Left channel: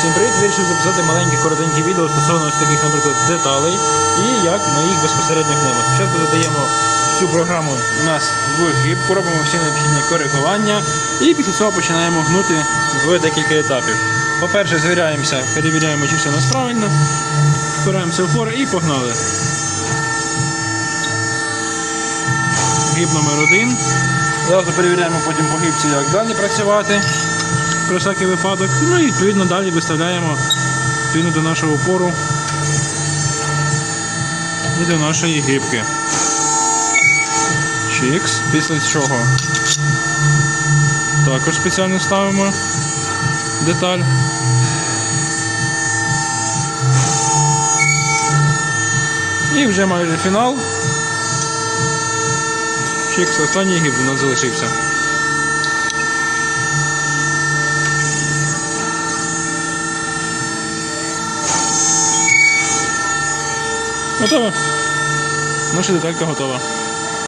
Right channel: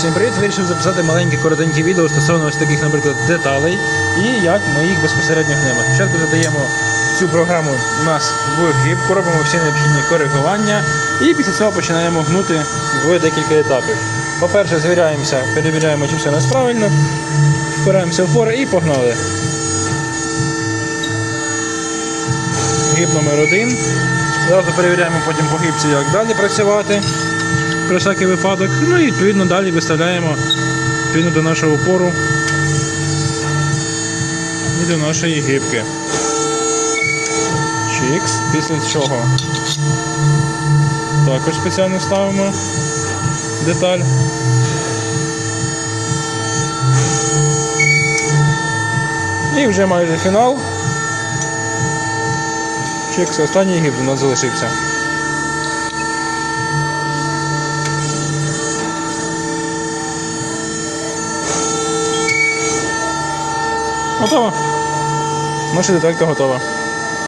Всім привіт! Вирішив записати маленьке коротеньке відео стосовно ось таких, наприклад, деталей і як ми їх безпосередньо гнемо. Спочатку задаємо всю програму у нас в гибку, робимо всі необхідні коригування і після цього починаємо гнути в декілька етапів. По-перше, звіряємося, перевіряємо, чи все у нас правильно, впираємося в пори і погнали. Гиб номер один. Зразу перевіряємо потім по гибці, як далі працювати про всякий випадок. Ну і відповідно далі виставляємо відповідно до нашого опору і до нашої гибки. Чікс. Після чого також спеціально ставимо деталь. І вже майже фінал. Чікс, останній гіб у нас залишився. Готово. Наша деталька готова.